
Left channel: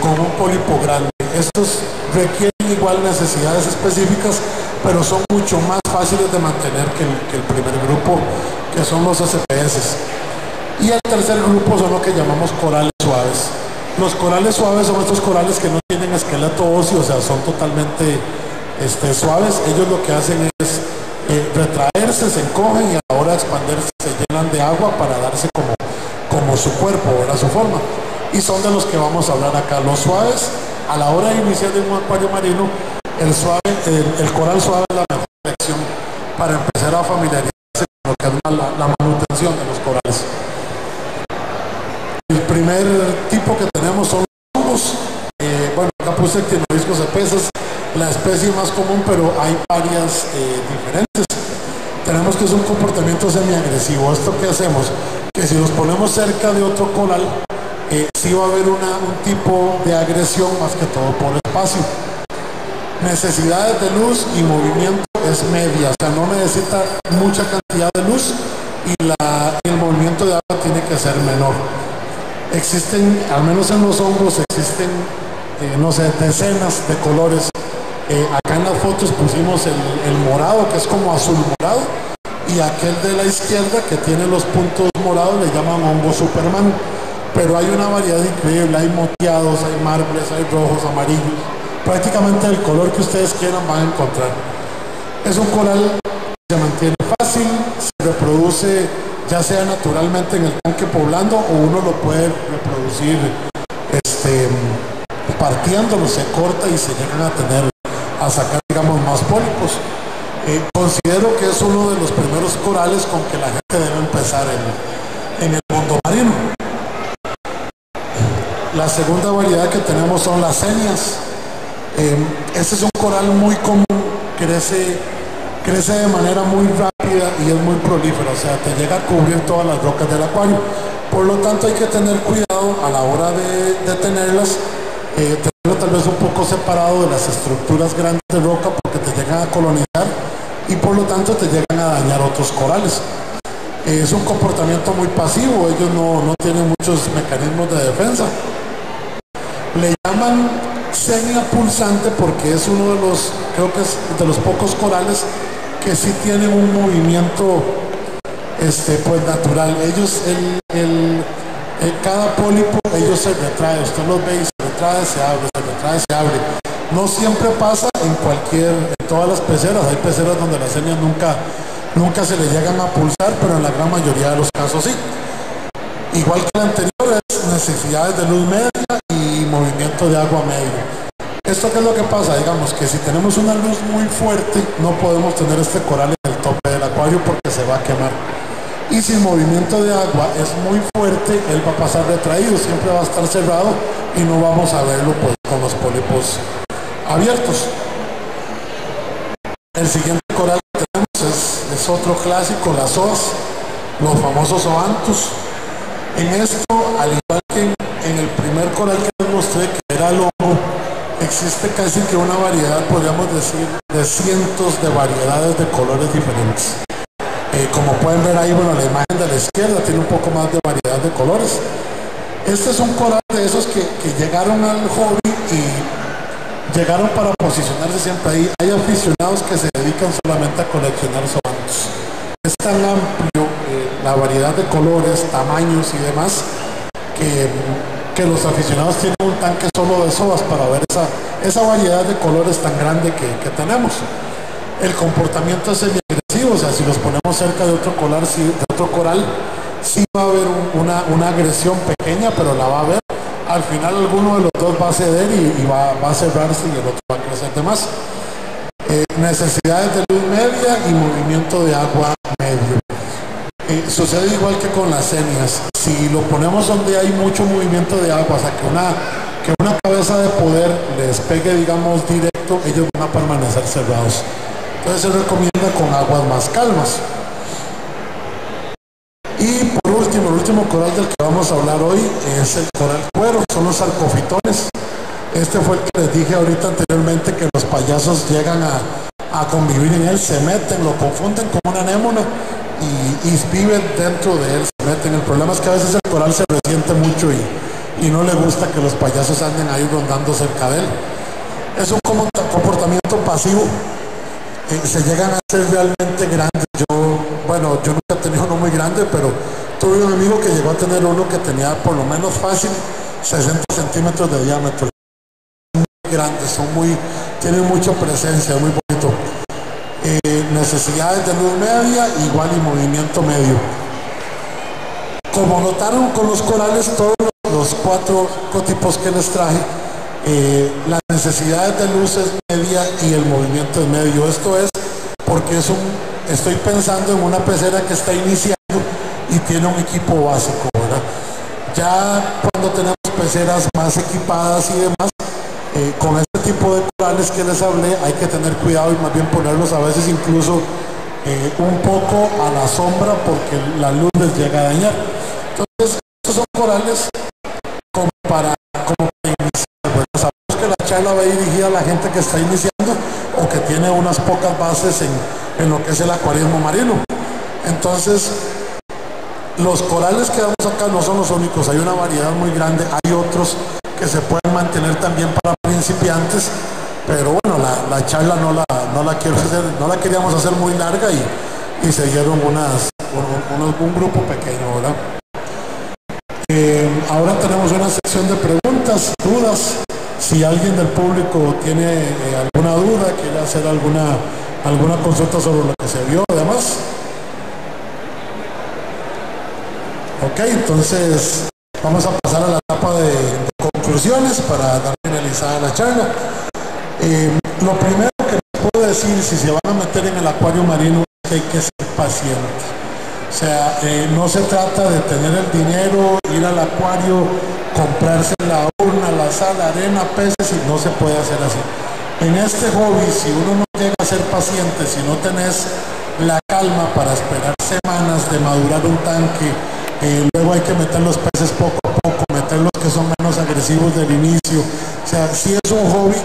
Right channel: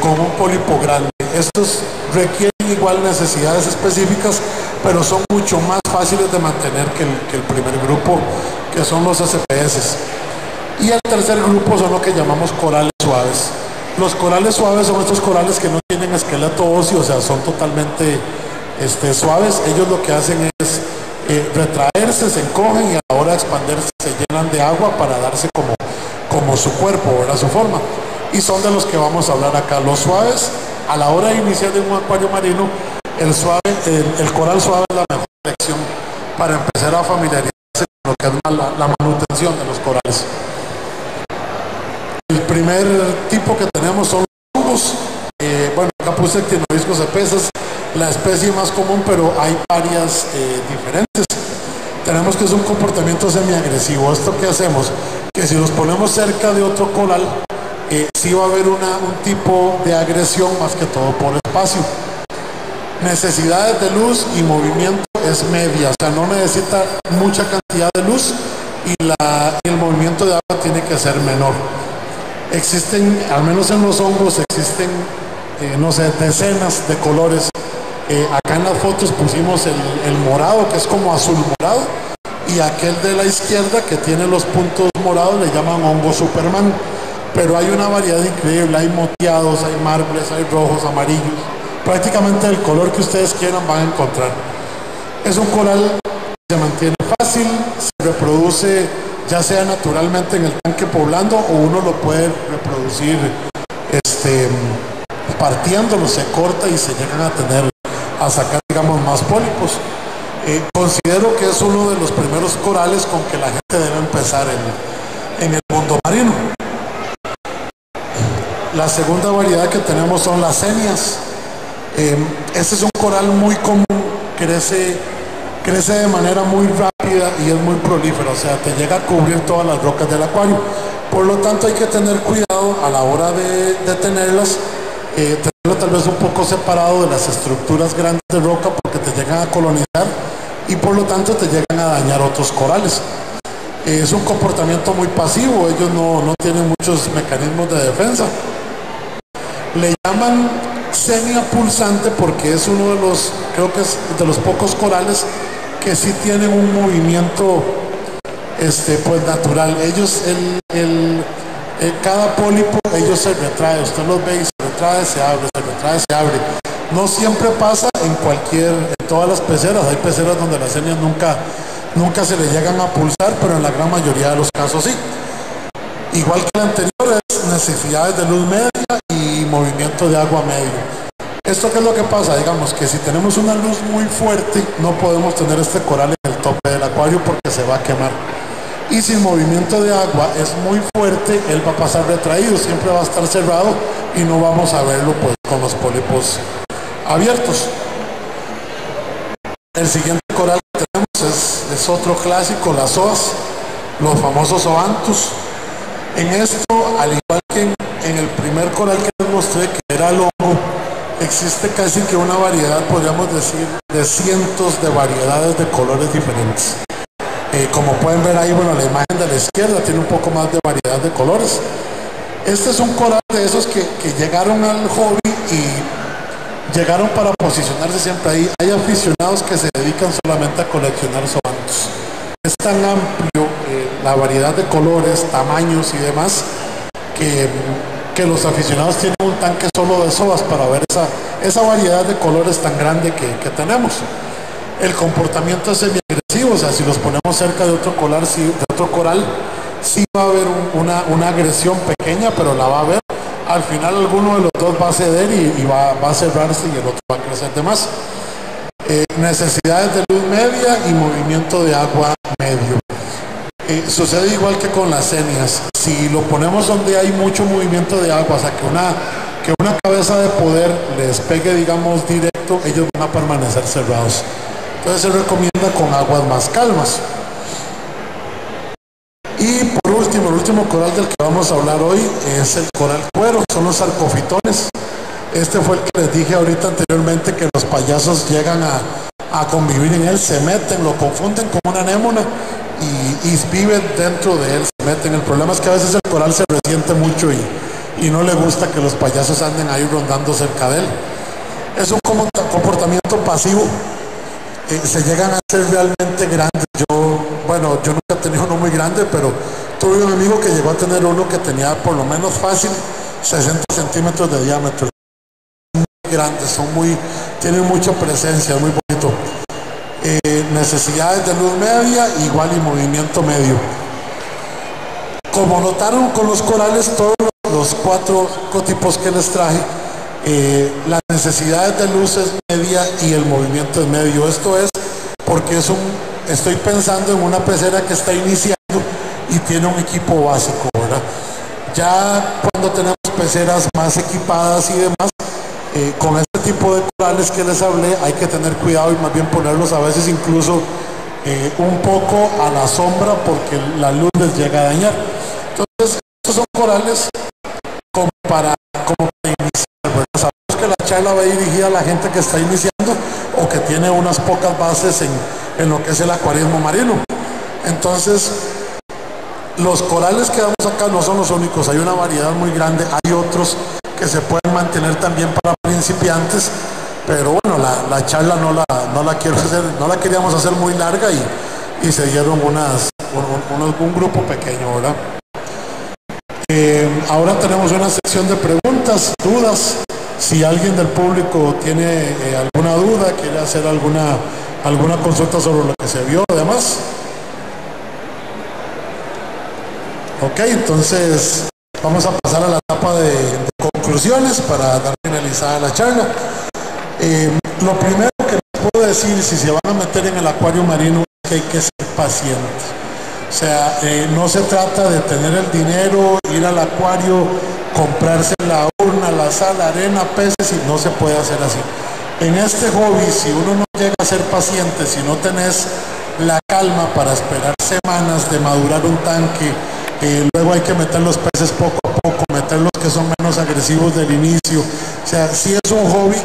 con un pólipo grande. Estos requieren igual necesidades específicas, pero son mucho más fáciles de mantener que el primer grupo, que son los SPS. Y el tercer grupo son lo que llamamos corales suaves. Los corales suaves son estos corales que no tienen esqueleto óseo, o sea, son totalmente suaves. Ellos lo que hacen es retraerse, se encogen, y a la hora de expandirse se llenan de agua para darse como su cuerpo, ¿verdad? Su forma. Y son de los que vamos a hablar acá. Los suaves, a la hora de iniciar en un acuario marino, el coral suave es la mejor elección para empezar a familiarizarse con lo que es la manutención de los corales. El primer tipo que tenemos son los hongos. Bueno, acá puse Actinobiscus epes, la especie más común, pero hay varias diferentes. Tenemos que es un comportamiento semiagresivo. ¿Esto qué hacemos? Que si los ponemos cerca de otro coral, sí va a haber un tipo de agresión, más que todo por espacio. Necesidades de luz y movimiento es media, o sea, no necesita mucha cantidad de luz, y el movimiento de agua tiene que ser menor. Existen, al menos en los hongos, existen, no sé, decenas de colores. Acá en las fotos pusimos el morado, que es como azul morado, y aquel de la izquierda que tiene los puntos morados le llaman hongo Superman. Pero hay una variedad increíble, hay moteados, hay mármoles, hay rojos, amarillos, prácticamente el color que ustedes quieran van a encontrar. Es un coral que se mantiene fácil, se reproduce ya sea naturalmente en el tanque poblando, o uno lo puede reproducir partiéndolo, se corta y se llegan a sacar, digamos, más pólipos. Considero que es uno de los primeros corales con que la gente debe empezar en el mundo marino. La segunda variedad que tenemos son las cenias. Este es un coral muy común, crece crece de manera muy rápida y es muy prolífera, o sea, te llega a cubrir todas las rocas del acuario. Por lo tanto, hay que tener cuidado a la hora de tenerlas, tenerlo tal vez un poco separado de las estructuras grandes de roca porque te llegan a colonizar y por lo tanto te llegan a dañar otros corales. Es un comportamiento muy pasivo, ellos no tienen muchos mecanismos de defensa. Le llaman senia pulsante porque es uno de los, creo que es de los pocos corales que sí tienen un movimiento pues natural. Ellos, cada pólipo, ellos se retrae, usted los ve y se retrae, se abre, se retrae, se abre. No siempre pasa en todas las peceras, hay peceras donde las senias nunca se le llegan a pulsar, pero en la gran mayoría de los casos sí. Igual que el anterior, es necesidades de luz media y movimiento de agua medio. ¿Esto qué es lo que pasa? Digamos que si tenemos una luz muy fuerte, no podemos tener este coral en el tope del acuario porque se va a quemar. Y si el movimiento de agua es muy fuerte, él va a pasar retraído, siempre va a estar cerrado y no vamos a verlo pues con los pólipos abiertos. El siguiente coral que tenemos es otro clásico, las zoas, los famosos zoanthus. En esto, al igual que en el primer coral que les mostré, que era el hongo, existe casi que una variedad, podríamos decir, de cientos de variedades de colores diferentes. Como pueden ver ahí, bueno, la imagen de la izquierda tiene un poco más de variedad de colores. Este es un coral de esos que llegaron al hobby y llegaron para posicionarse siempre ahí. Hay aficionados que se dedican solamente a coleccionar zoanthus. Es tan amplio la variedad de colores, tamaños y demás, que los aficionados tienen un tanque solo de zoas para ver esa variedad de colores tan grande que tenemos. El comportamiento es semi-agresivo, o sea, si los ponemos cerca de otro coral, sí va a haber una agresión pequeña, pero la va a haber. Al final alguno de los dos va a ceder y va a cerrarse y el otro va a crecer de más. Necesidades de luz media y movimiento de agua medio. Sucede igual que con las senias. Si lo ponemos donde hay mucho movimiento de agua, o sea, que una cabeza de poder les pegue, digamos, directo, ellos van a permanecer cerrados. Entonces se recomienda con aguas más calmas. Y por último, el último coral del que vamos a hablar hoy es el coral cuero, son los sarcofitones. Este fue el que les dije ahorita anteriormente, que los payasos llegan a convivir en él, se meten, lo confunden con una anémona y viven dentro de él, se meten. El problema es que a veces el coral se resiente mucho y no le gusta que los payasos anden ahí rondando cerca de él. Es un comportamiento pasivo. Se llegan a ser realmente grandes. Yo nunca he tenido uno muy grande, pero tuve un amigo que llegó a tener uno que tenía por lo menos fácil 60 centímetros de diámetro. Muy grandes, tienen mucha presencia, muy bonito. Necesidades de luz media igual y movimiento medio. Como notaron con los corales, todos los cuatro ecotipos que les traje, las necesidades de luz es media y el movimiento es medio. Esto es porque estoy pensando en una pecera que está iniciando y tiene un equipo básico, ¿verdad? Ya cuando tenemos peceras más equipadas y demás, con este tipo de corales que les hablé, hay que tener cuidado y más bien ponerlos a veces incluso un poco a la sombra porque la luz les llega a dañar. Entonces, estos son corales como para iniciar, ¿verdad? Sabemos que la charla va dirigida a la gente que está iniciando o que tiene unas pocas bases en lo que es el acuarismo marino. Entonces, los corales que damos acá no son los únicos, hay una variedad muy grande, hay otros que se pueden mantener también para principiantes, pero bueno, la charla no la queríamos hacer muy larga y se dieron un grupo pequeño, ¿verdad? Ahora tenemos una sección de preguntas, dudas. Si alguien del público tiene alguna duda, quiere hacer alguna consulta sobre lo que se vio, además. Ok, entonces vamos a pasar a la etapa de conclusiones para dar finalizada la charla. Lo primero que les puedo decir, si se van a meter en el acuario marino, es que hay que ser paciente. O sea, no se trata de tener el dinero, ir al acuario, comprarse la urna, la sal, arena, peces, y no se puede hacer así. En este hobby, si uno no llega a ser paciente, si no tenés la calma para esperar semanas de madurar un tanque, luego hay que meter los peces poco a poco, meter los que son menos agresivos del inicio. O sea, sí es un hobby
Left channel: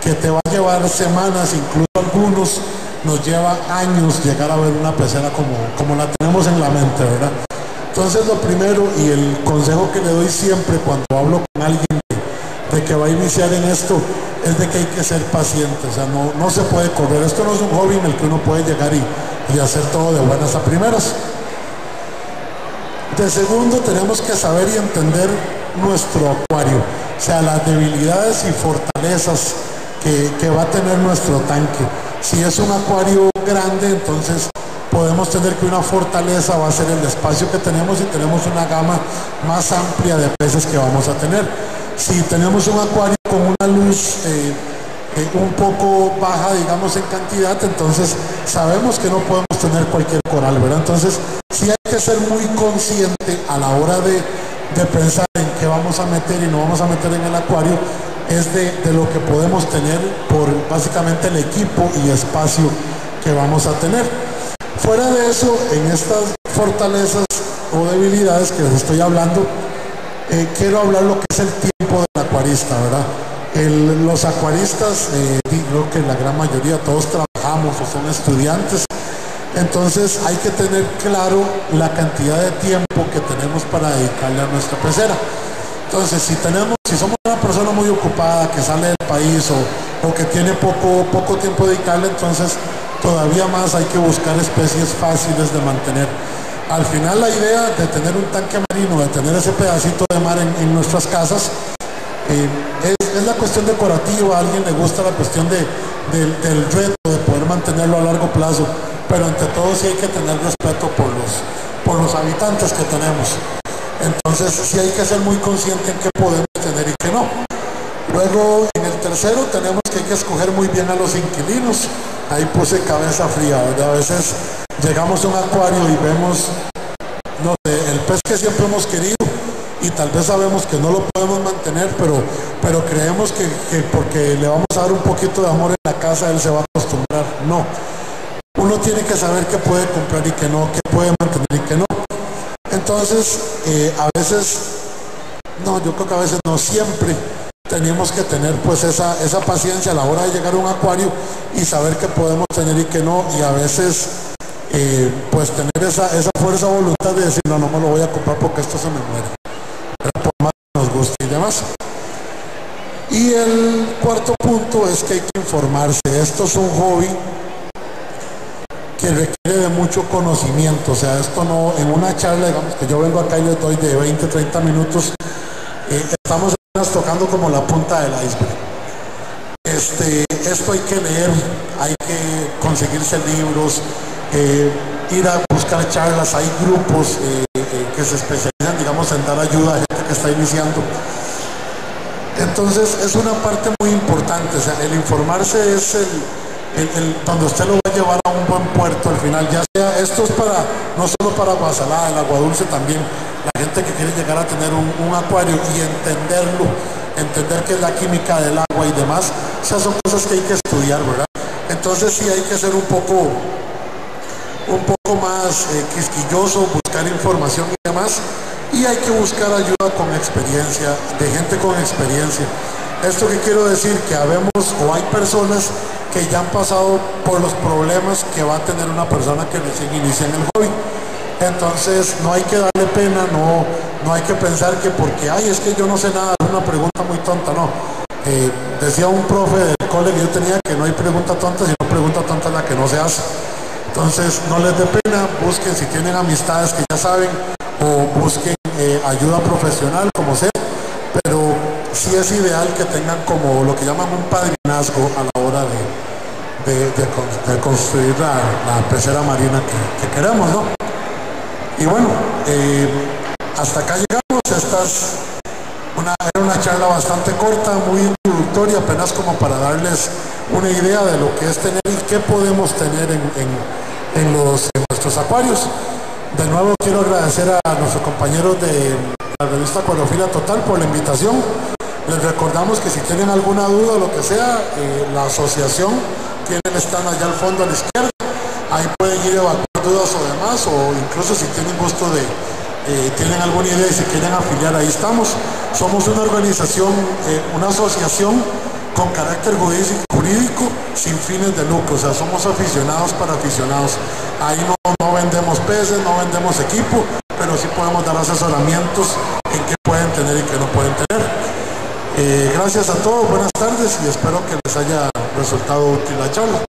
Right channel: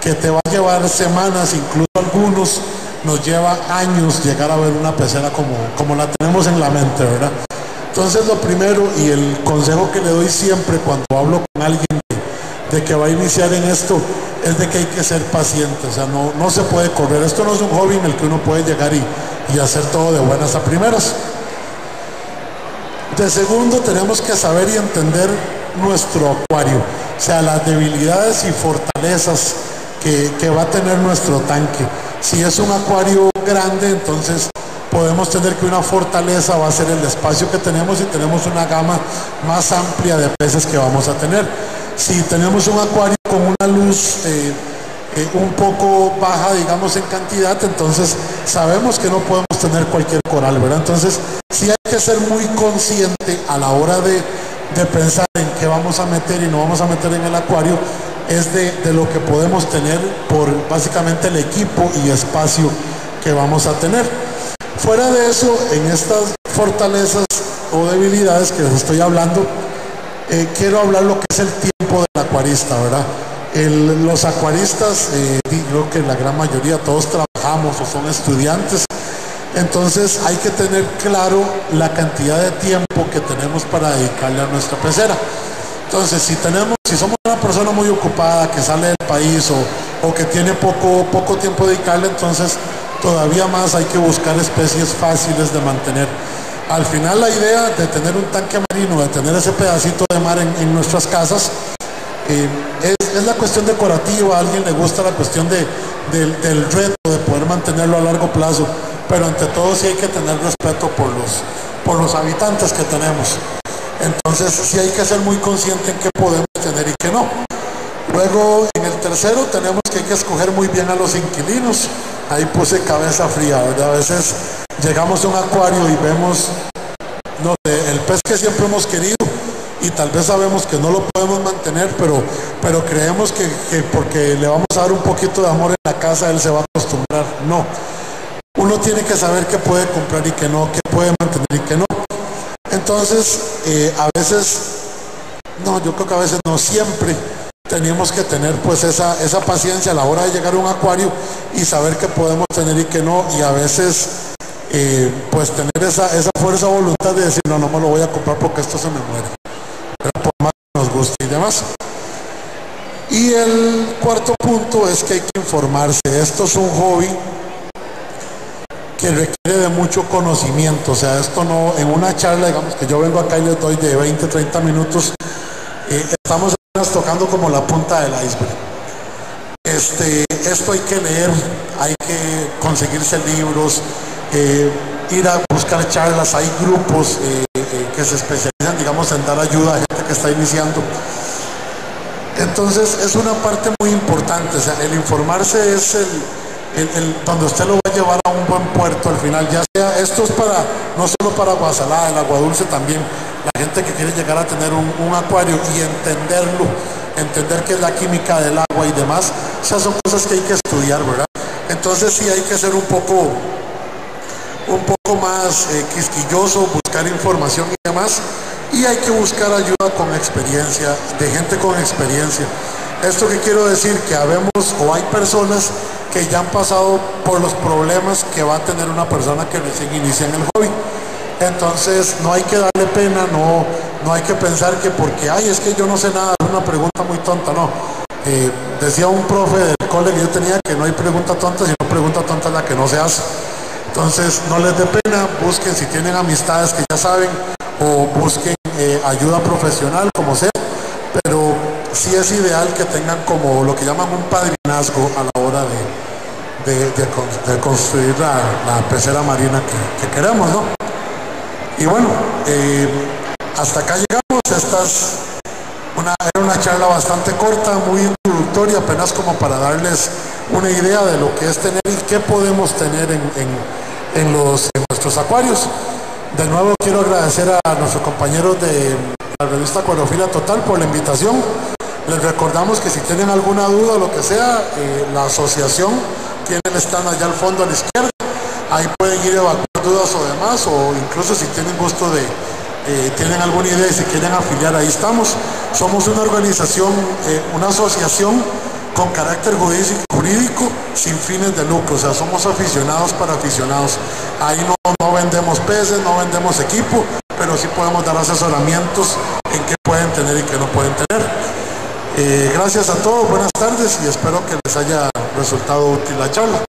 que te va a llevar semanas, incluso algunos nos lleva años llegar a ver una pecera como la tenemos en la mente, ¿verdad? Entonces lo primero y el consejo que le doy siempre cuando hablo con alguien de que va a iniciar en esto es de que hay que ser paciente, o sea, no se puede correr. Esto no es un hobby en el que uno puede llegar y hacer todo de buenas a primeras. De segundo, tenemos que saber y entender nuestro acuario, o sea, las debilidades y fortalezas que va a tener nuestro tanque. Si es un acuario grande, entonces podemos tener que una fortaleza va a ser el espacio que tenemos y tenemos una gama más amplia de peces que vamos a tener. Si tenemos un acuario con una luz un poco baja, digamos, en cantidad, entonces sabemos que no podemos tener cualquier coral, ¿verdad? Entonces sí hay que ser muy consciente a la hora de pensar en qué vamos a meter y no vamos a meter en el acuario, es de lo que podemos tener por básicamente el equipo y espacio que vamos a tener. Fuera de eso, en estas fortalezas o debilidades que les estoy hablando, quiero hablar lo que es el tiempo del acuarista, ¿verdad? Los acuaristas, creo que la gran mayoría, todos trabajamos o son estudiantes, entonces hay que tener claro la cantidad de tiempo que tenemos para dedicarle a nuestra pecera. Entonces, si somos una persona muy ocupada, que sale del país o que tiene poco tiempo de dedicarle, entonces todavía más hay que buscar especies fáciles de mantener. Al final la idea de tener un tanque marino, de tener ese pedacito de mar en nuestras casas, es la cuestión decorativa. A alguien le gusta la cuestión del reto de poder mantenerlo a largo plazo, pero ante todo sí hay que tener respeto por los habitantes que tenemos. Entonces sí hay que ser muy consciente en qué podemos tener y qué no. Luego, en el tercero, tenemos que hay que escoger muy bien a los inquilinos. Ahí puse cabeza fría, ¿verdad? A veces llegamos a un acuario y vemos, no sé, el pez que siempre hemos querido y tal vez sabemos que no lo podemos mantener, pero creemos que porque le vamos a dar un poquito de amor en la casa, él se va a acostumbrar. No. Uno tiene que saber qué puede comprar y qué no, qué puede mantener y qué no. Entonces, a veces, no, yo creo que a veces no, siempre tenemos que tener pues esa paciencia a la hora de llegar a un acuario y saber qué podemos tener y qué no, y a veces pues tener esa fuerza de voluntad de decir no me lo voy a comprar porque esto se me muere, pero por más que nos guste y demás. Y el cuarto punto es que hay que informarse. Esto es un hobby que requiere de mucho conocimiento, o sea, esto no, en una charla, digamos que yo vengo acá y les doy de 20-30 minutos, estamos tocando como la punta del iceberg. Esto hay que leer, hay que conseguirse libros, ir a buscar charlas, hay grupos que se especializan, digamos, en dar ayuda a gente que está iniciando. Entonces es una parte muy importante, o sea, el informarse es donde usted lo va a llevar a un buen puerto al final, ya sea, esto es para, no solo para Guasalada, el agua dulce también, la gente que quiere llegar a tener un acuario y entenderlo, entender qué es la química del agua y demás, esas son cosas que hay que estudiar, ¿verdad? Entonces sí hay que ser un poco más quisquilloso, buscar información y demás, y hay que buscar ayuda con experiencia, de gente con experiencia. Esto que quiero decir, que hay personas que ya han pasado por los problemas que va a tener una persona que recién inicia en el hobby. Entonces no hay que darle pena, no hay que pensar que porque, es que yo no sé nada, es una pregunta muy tonta, no. Decía un profe del cole que yo tenía que no hay pregunta tonta, sino pregunta tonta es la que no se hace. Entonces no les dé pena, busquen si tienen amistades que ya saben, o busquen ayuda profesional, como sea, pero sí es ideal que tengan como lo que llaman un padrinazgo a la hora de construir la pecera marina que queremos, ¿no? Y bueno, hasta acá llegamos. Era una charla bastante corta, muy introductoria, apenas como para darles una idea de lo que es tener y qué podemos tener en nuestros acuarios. De nuevo quiero agradecer a nuestros compañeros de la revista Acuariofilia Total por la invitación. Les recordamos que si tienen alguna duda o lo que sea, la asociación tiene el stand allá al fondo a la izquierda. Ahí pueden ir a evacuar dudas o demás, o incluso si tienen gusto de, tienen alguna idea y si quieren afiliar, ahí estamos. Somos una organización, una asociación con carácter jurídico sin fines de lucro, o sea, somos aficionados para aficionados. Ahí no vendemos peces, no vendemos equipo, pero sí podemos dar asesoramientos en qué pueden tener y qué no pueden tener. Gracias a todos, buenas tardes y espero que les haya resultado útil la charla.